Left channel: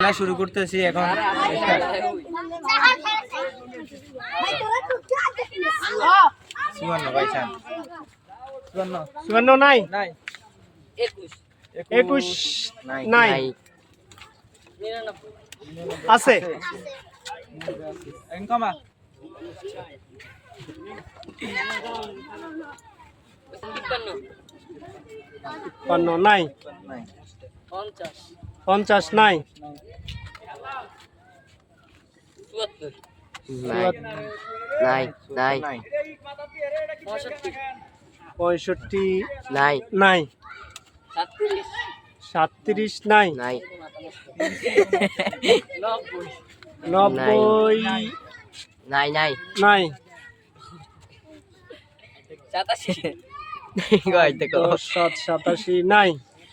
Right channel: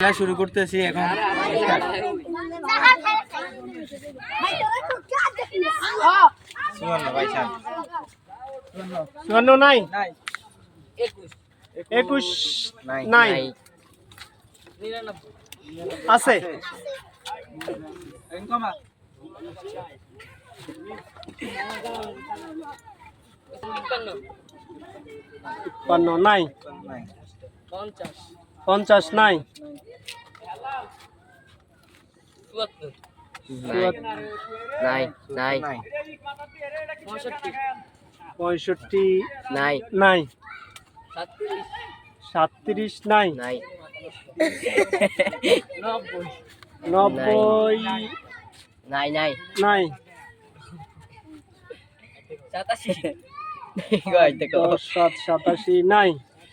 খেলা শুরু করতেছি এখন। নাই? একুশ নাই আছে। কমা তিপ্পান্ন নাই। নাই পঞ্চাশ নাই। নাই। নাই। নাই। পঁয়ষট্টি নাই নাই। নাই। নাই নব্বই নাই।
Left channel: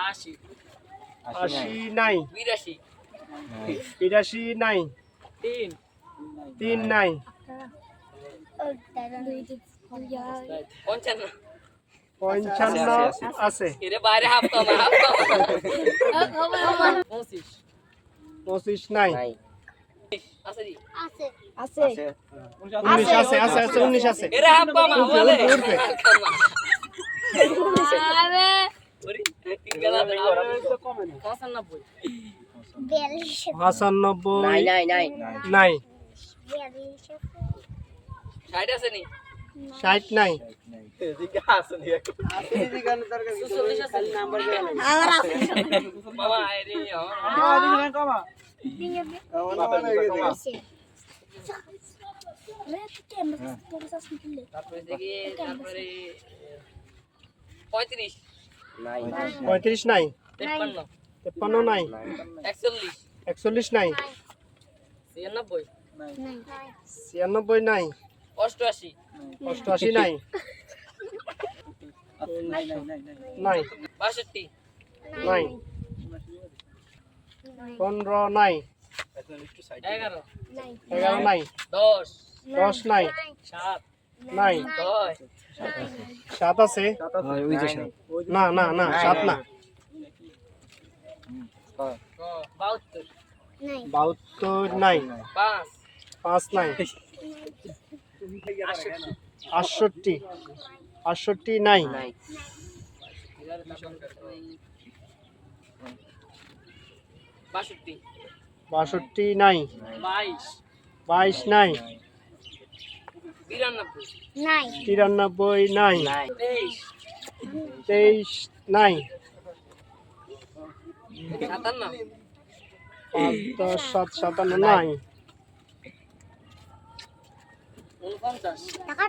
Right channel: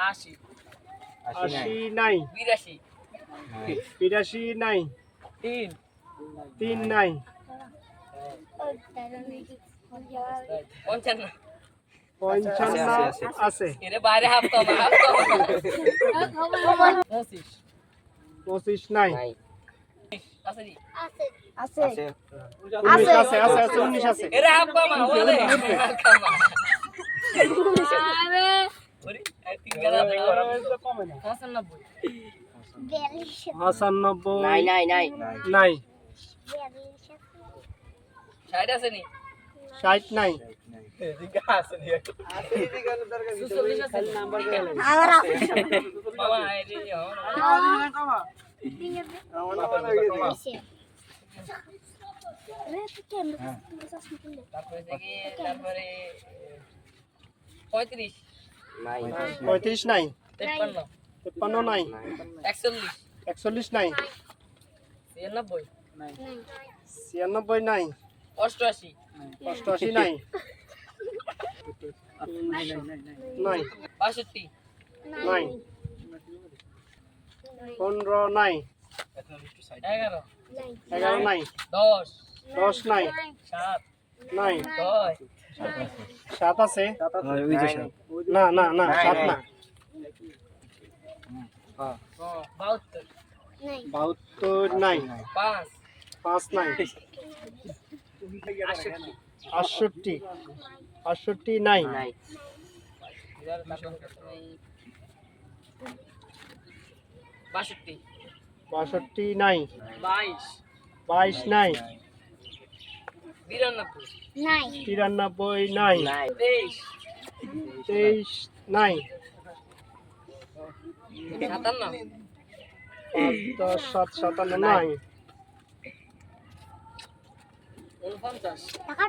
আশি। নাই। নাই। বিরাশি। নাই। তিন। নাই। পঞ্চান্ন। আছে। পঁচিশ। নাই। উনিশ আছে। আছে আছে আছে পঁচানব্বই। নাই নাই নাই। নাই। নাই ষাট নাই। পঁয়ত্রিশ। পঁয়ত্রিশ নাই? তেপ্পান্ন। নাই? একচল্লিশ। নাই? ছিয়ানব্বই। ছিয়ানব্বই নাই? অষ্টআশি। অষ্টআশি নাই? নাই। বাষট্টি নাই। পনেরো নাই? এগারো। এগারো নাই? দশ। দশ নাই? সাত। নাই? ছয় সাত আছে? না না না সাত না। বাহাত্তর নাই। পাঁচ নাই। আটষট্টি। আটষট্টি নাই। নাই বাষট্টি নাই। বাইশ বাইশ নাই। তিরানব্বই। নাই। নাই। তেইশ। নাই। দশ সাত সাতান্ন নাই।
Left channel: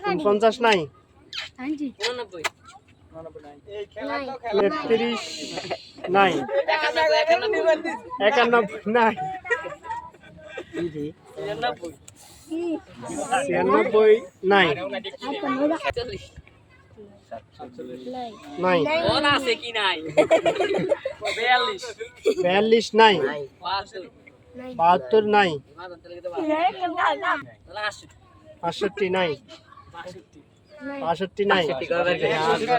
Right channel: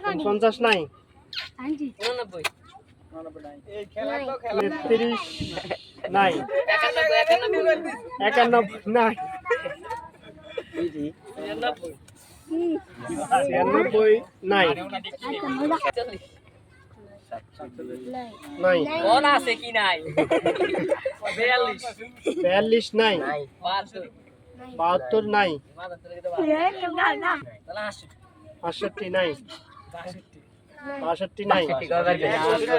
উনপঞ্চাশ। নাই। তেত্রিশ নাই। একানব্বই নাই। ছিয়ানব্বই নাই। নাই। কোন আছে কি নাই? বিয়াল্লিশ। বিয়াল্লিশ নাই। নাই। বাহাত্তর। বাহাত্তর নাই?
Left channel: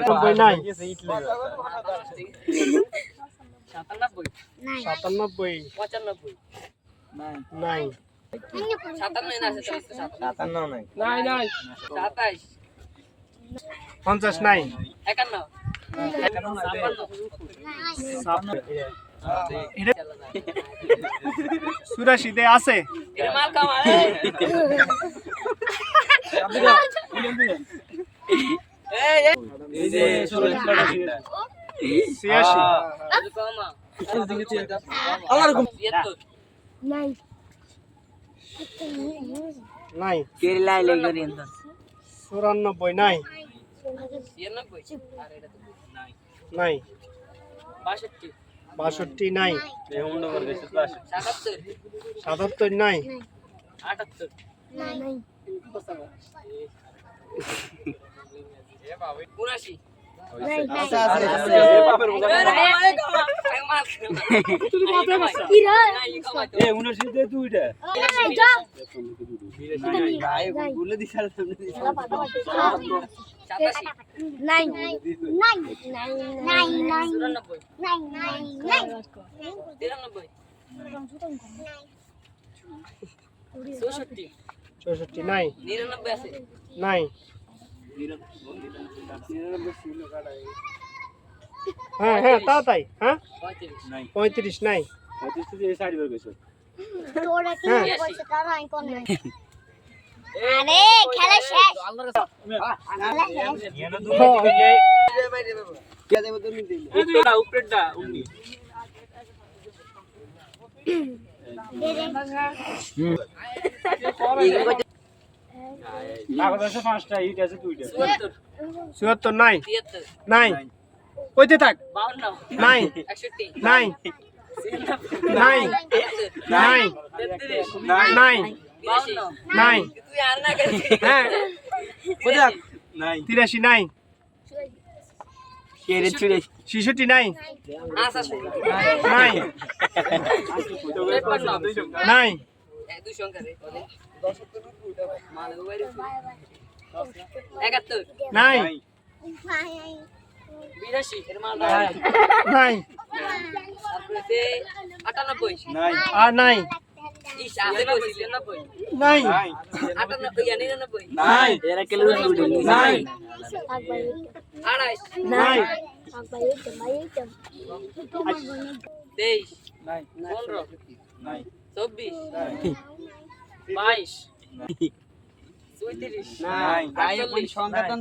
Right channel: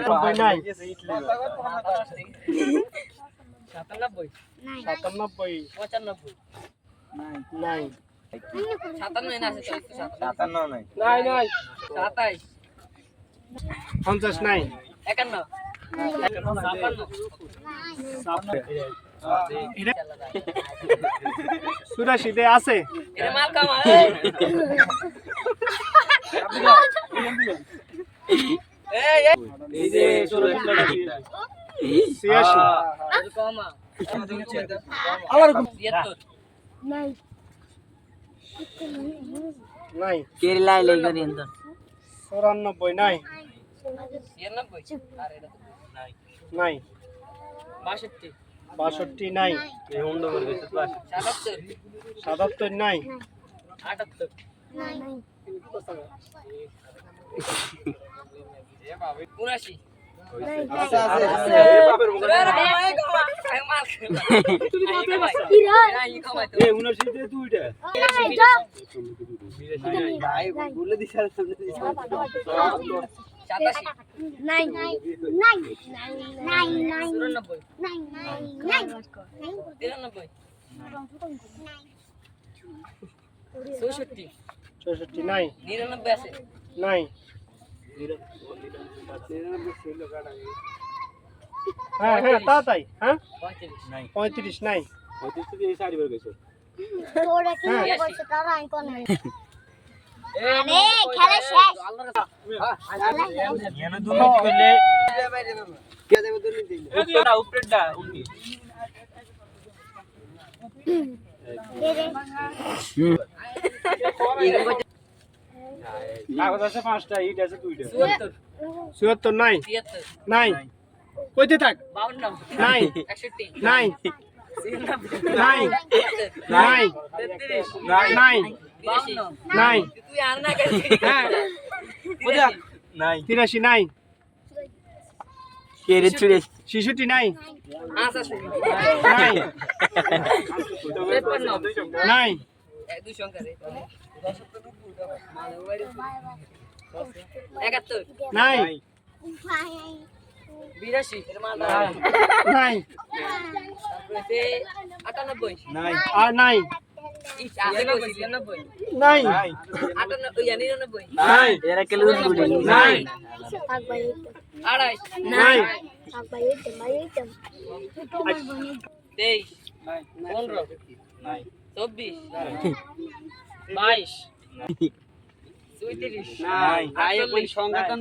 নব্বই নাই। সাতানব্বই। সাতানব্বই। পঁচানব্বই। নাই। পঞ্চাশ নাই। একান্ন। ছাপ্পান্ন চুরাশিতে আছে। এটা মাল কামা এই যে ষোলো ছিয়াশি কমা আমার তিয়াত্তর নাই। কেরালা এলে করেন তো চুরানব্বই নাই। ছিয়ানব্বই আর এটা নাই। বাষট্টি। বাষট্টি নাই। সাতাত্তর সাতাত্তর নাই। আটাত্তর। উনাশি। সাতাশি চুরানব্বই তিরানব্বই চৌষট্টি। চৌষট্টি নাই। নিরানব্বই আছে। নাই। হ্যাঁ হ্যাঁ তা তাই হ্যাঁ? পঁয়ত্রিশ। নাই। খেলা শেষ। চুয়াত্তর চুয়াত্তর নাই। নাই। কইতে থাক। নাই। নাই। নাই। নাই। নাই। নাই। তুই আর না করিস হ্যাঁ। নাই। তিরাশি নাই। ছিষট্টি নাই। আচ্ছা নাই। নাই। এক দুই সংখ্যা রে একাত্তর নাই। বিরাশি এর মাল নাই আটানব্বই। নাই আর নাই নাই নাই নাই আড়াইশ। নাই তেইশ। পনেরো। চব্বিশ। বাইশ। চৌত্রিশ।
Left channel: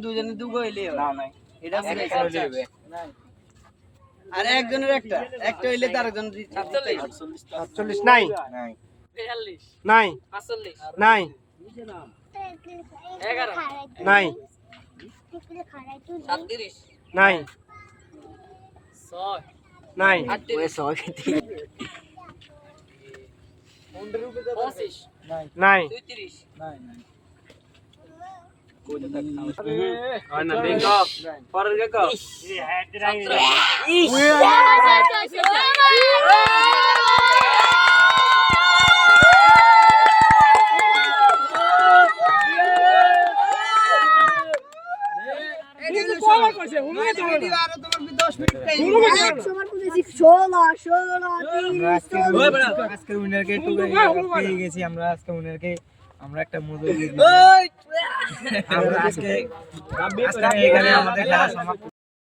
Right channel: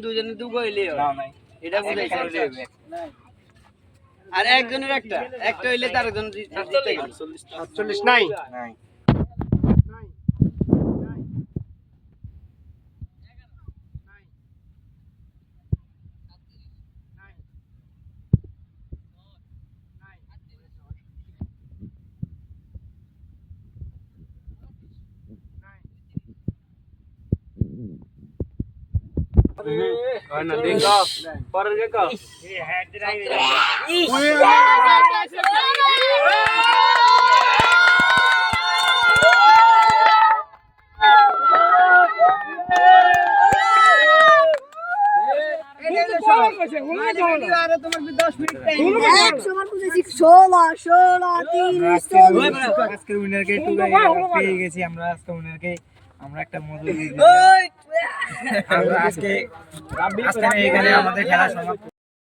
দুজনে দুগো হইলে না নাই এটা। আর একজনের একটা একটা হইলে তার একজন নাই। নাই। তেতাল্লিশ নাই। পাঁচচল্লিশ। নাই। এগারো। নাই। সাতত্রিশ। নাই। ছয়। নাই। আটত্রিশ। সবাই পঁচিশ। নাই। চৌত্রিশ নাই। আমরা আজকে উইনারকে আমরা একটা মজুরি। আমরা আজকে আজকে এখানে আমাদের খেলা সমাপ্ত